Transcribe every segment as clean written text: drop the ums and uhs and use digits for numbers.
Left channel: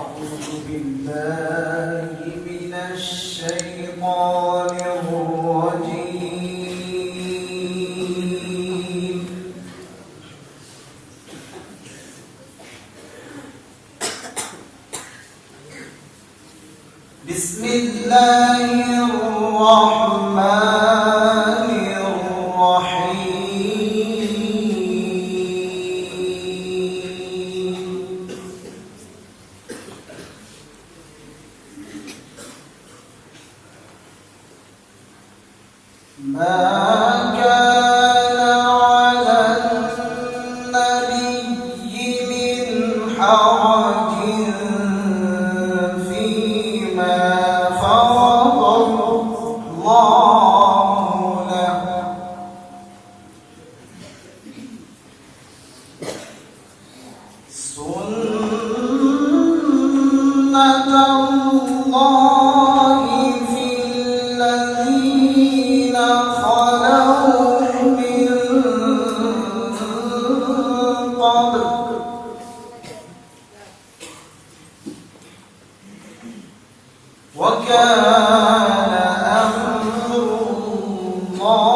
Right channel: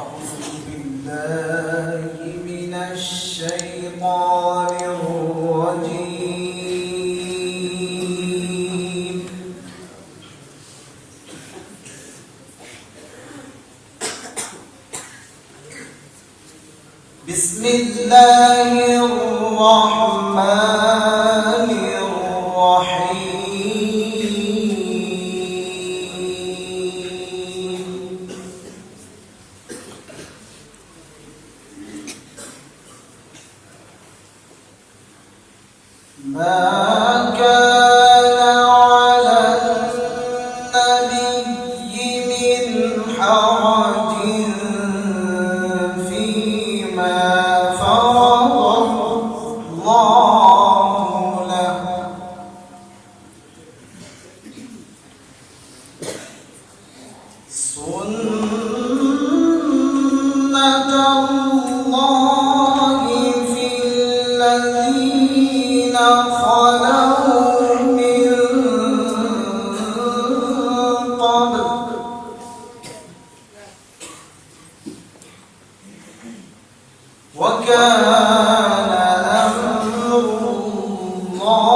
أعوذ بالله من الشيطان الرجيم. بسم الله الرحمن الرحيم. ما كان على النبي من حرج فيما فرض الله له، سنة الله في الذين خلوا من قبل، وكان أمر الله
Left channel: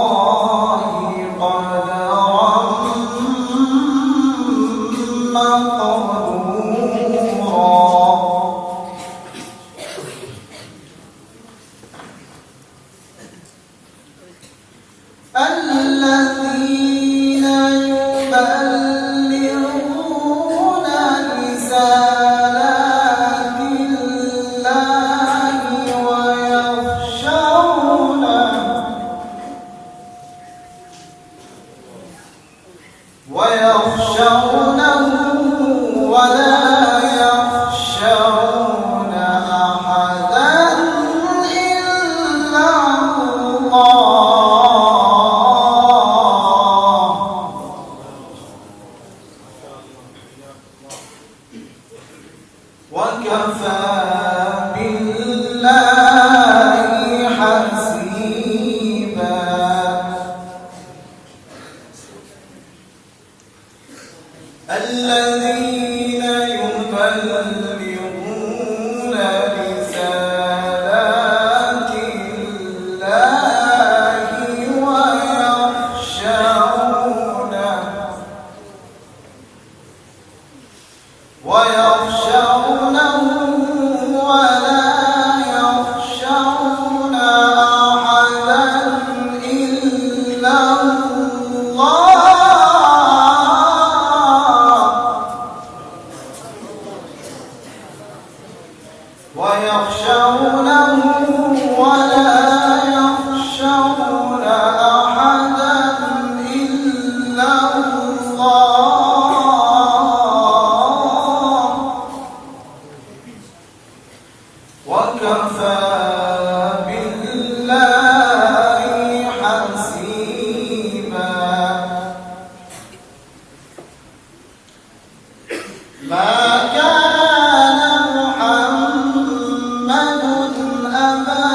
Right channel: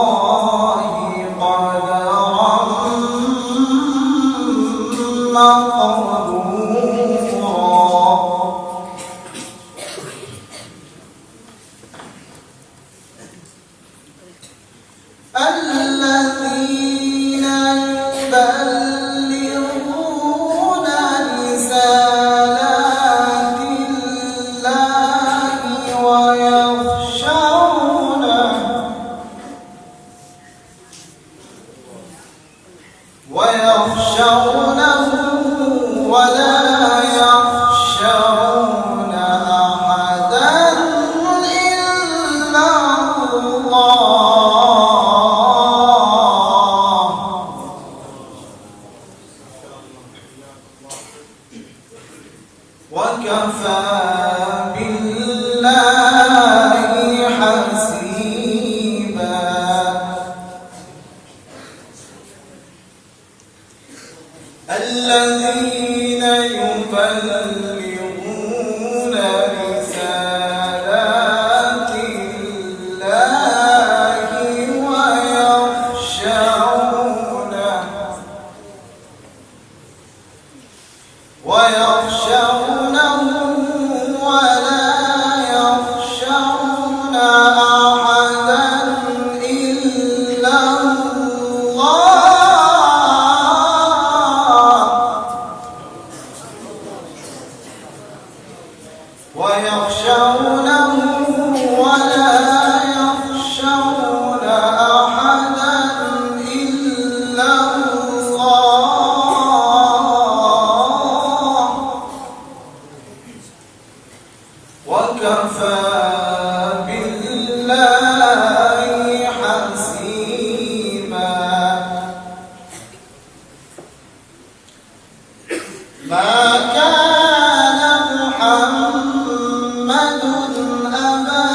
قدرا مقدورا. الذين يبلغون رسالات الله ويخشونه ولا يخشون أحدا إلا الله، وكفى بالله حسيبا. الذين يبلغون رسالات الله ويخشونه ولا يخشون أحدا إلا ويخشونه ولا يخشون أحدا إلا الله، وكفى بالله حسيبا. ما كان محمد أبا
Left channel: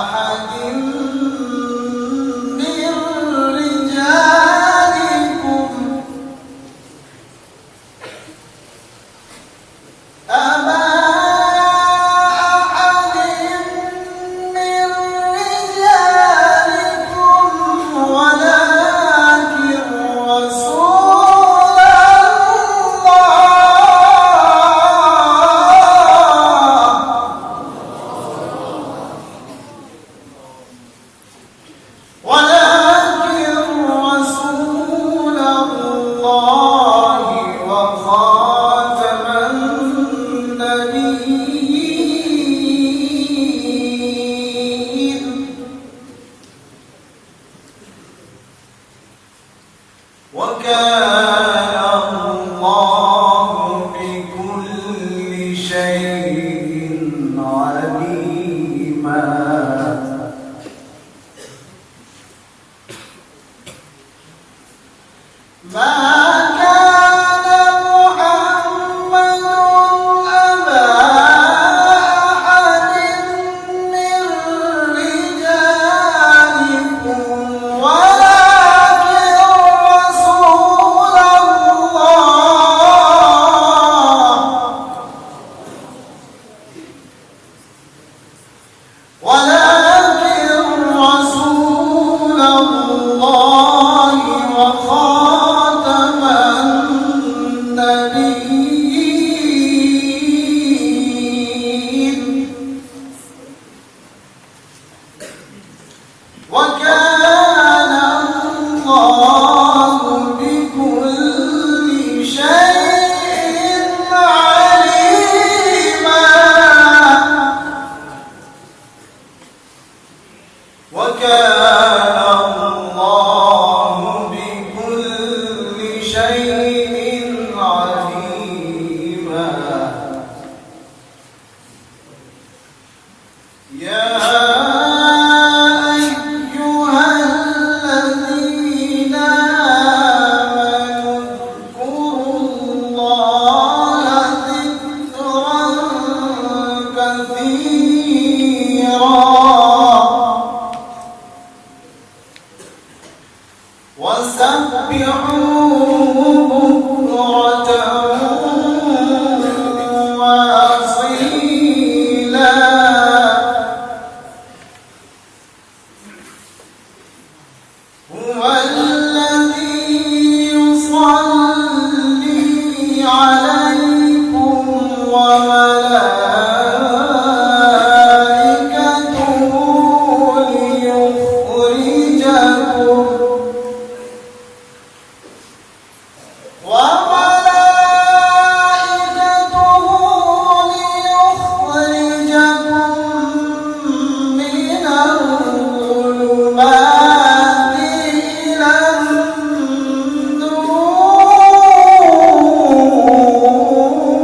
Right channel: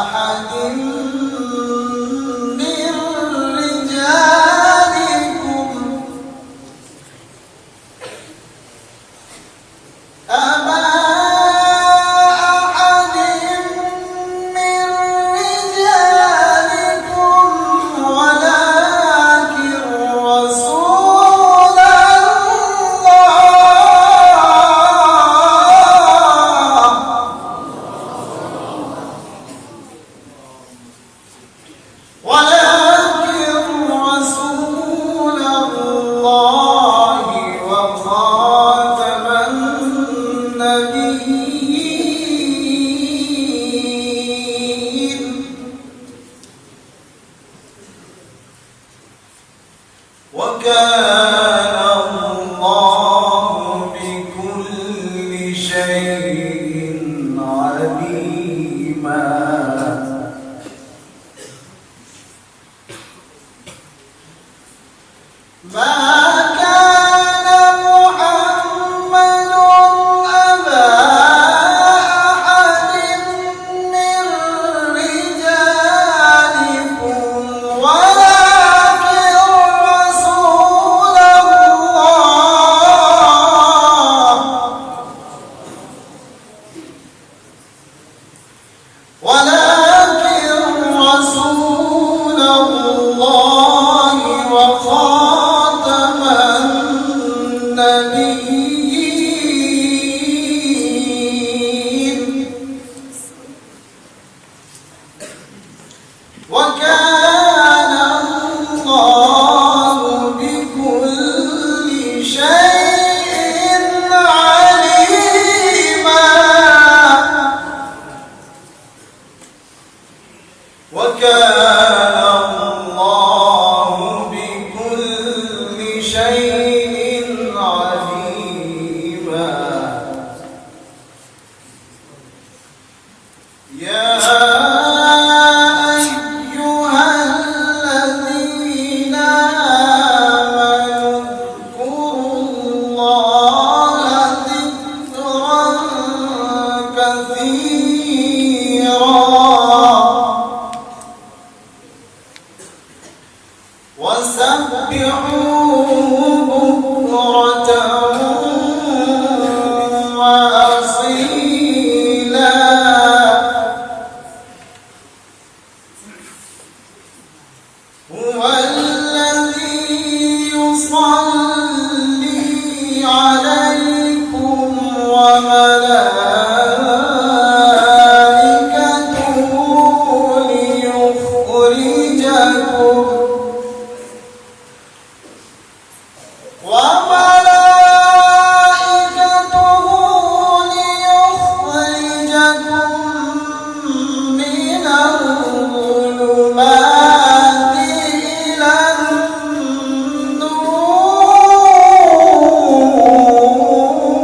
أحد من رجالكم ولكن رسول الله وخاتم النبيين، وكان الله بكل شيء عليما. ما كان محمد أبا أحد من رجالكم ولكن رسول الله شيء عليما يا أيها الذين آمنوا اذكروا الله ذكرا كثيرا وسبحوه بكرة وأصيلا هو الذي يصلي عليكم وملائكته ليخرجكم من الظلمات إلى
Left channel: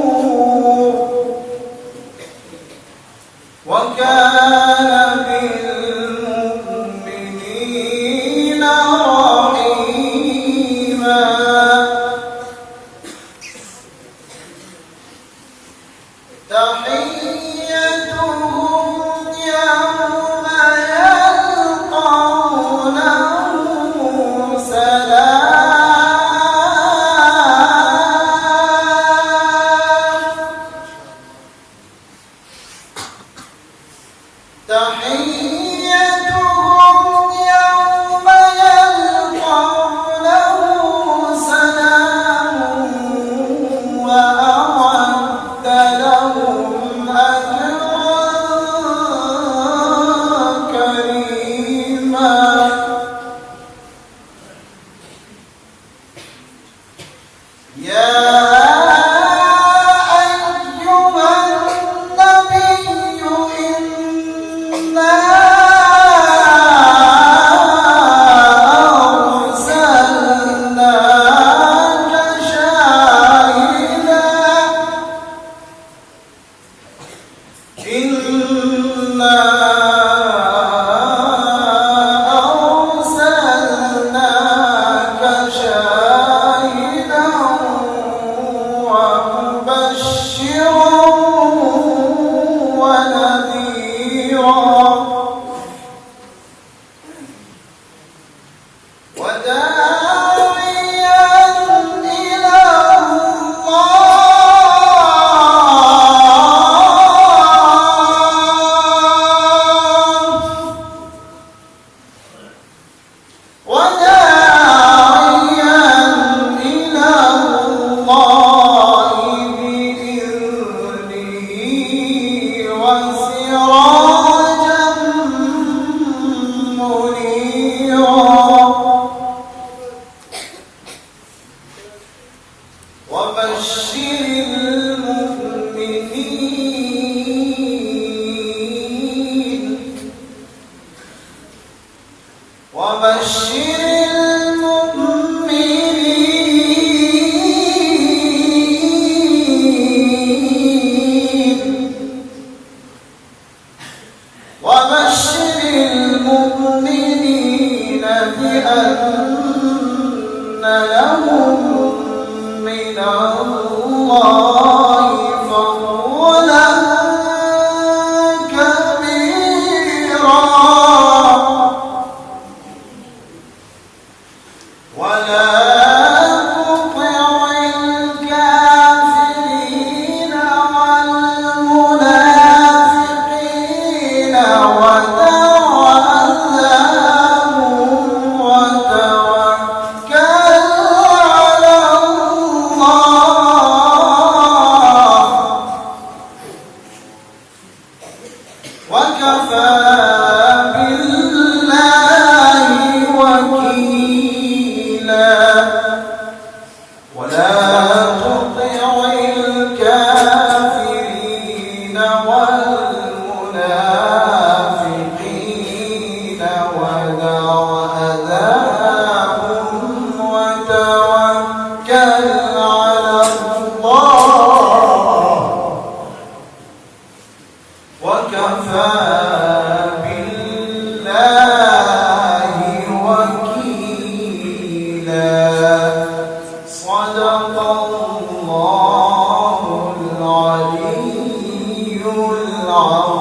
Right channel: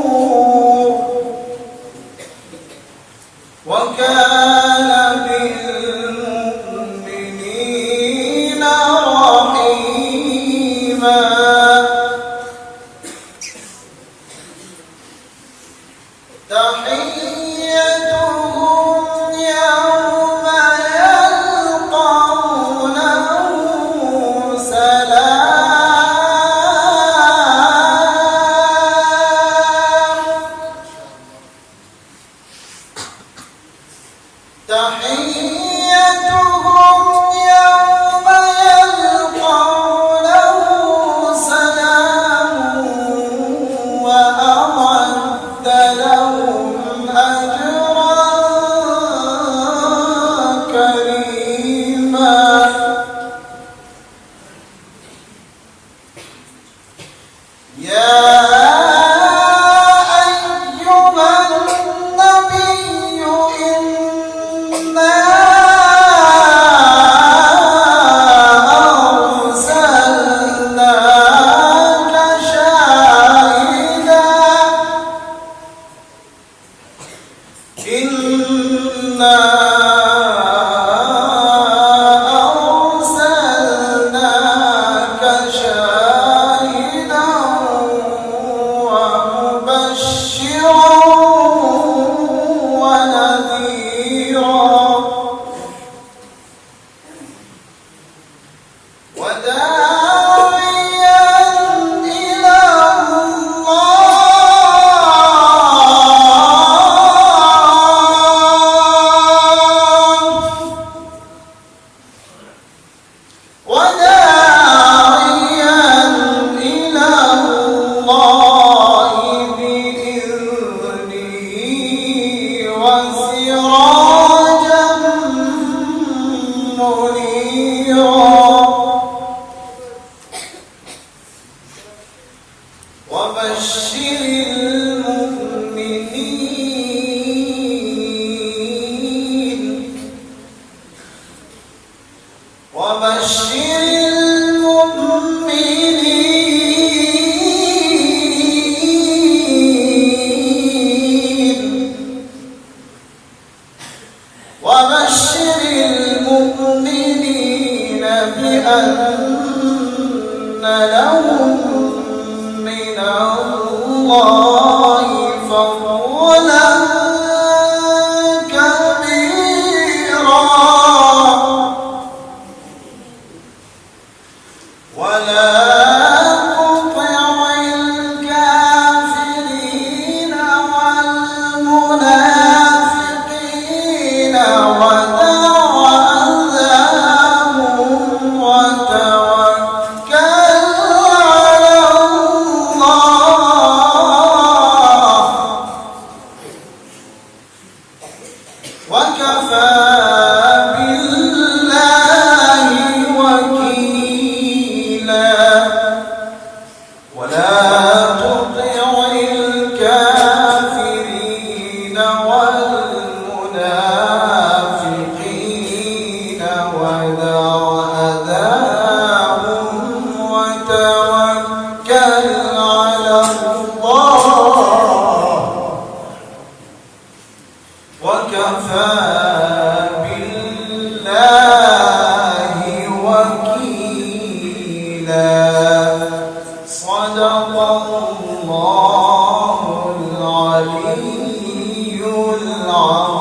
النور وكان بالمؤمنين رحيما تحيتهم يوم يلقونه سلام تحيتهم يوم يلقونه سلام وأعد لهم أجرا كريما يا أيها النبي إنا أرسلناك شاهدا إنا أرسلناك شاهدا ومبشرا ونذيرا وداعيا إلى الله بإذنه وسراجا منيرا وبشر المؤمنين وبشر المؤمنين بأن لهم من الله فضلا كبيرا ولا تطع الكافرين والمنافقين ودع عذابهم وتوكل على الله وكفى بالله وكيلا ولا تطع الكافرين والمنافقين ودع أذاهم وتوكل على الله وكفى بالله وكيلا صدق الله العلي العظيم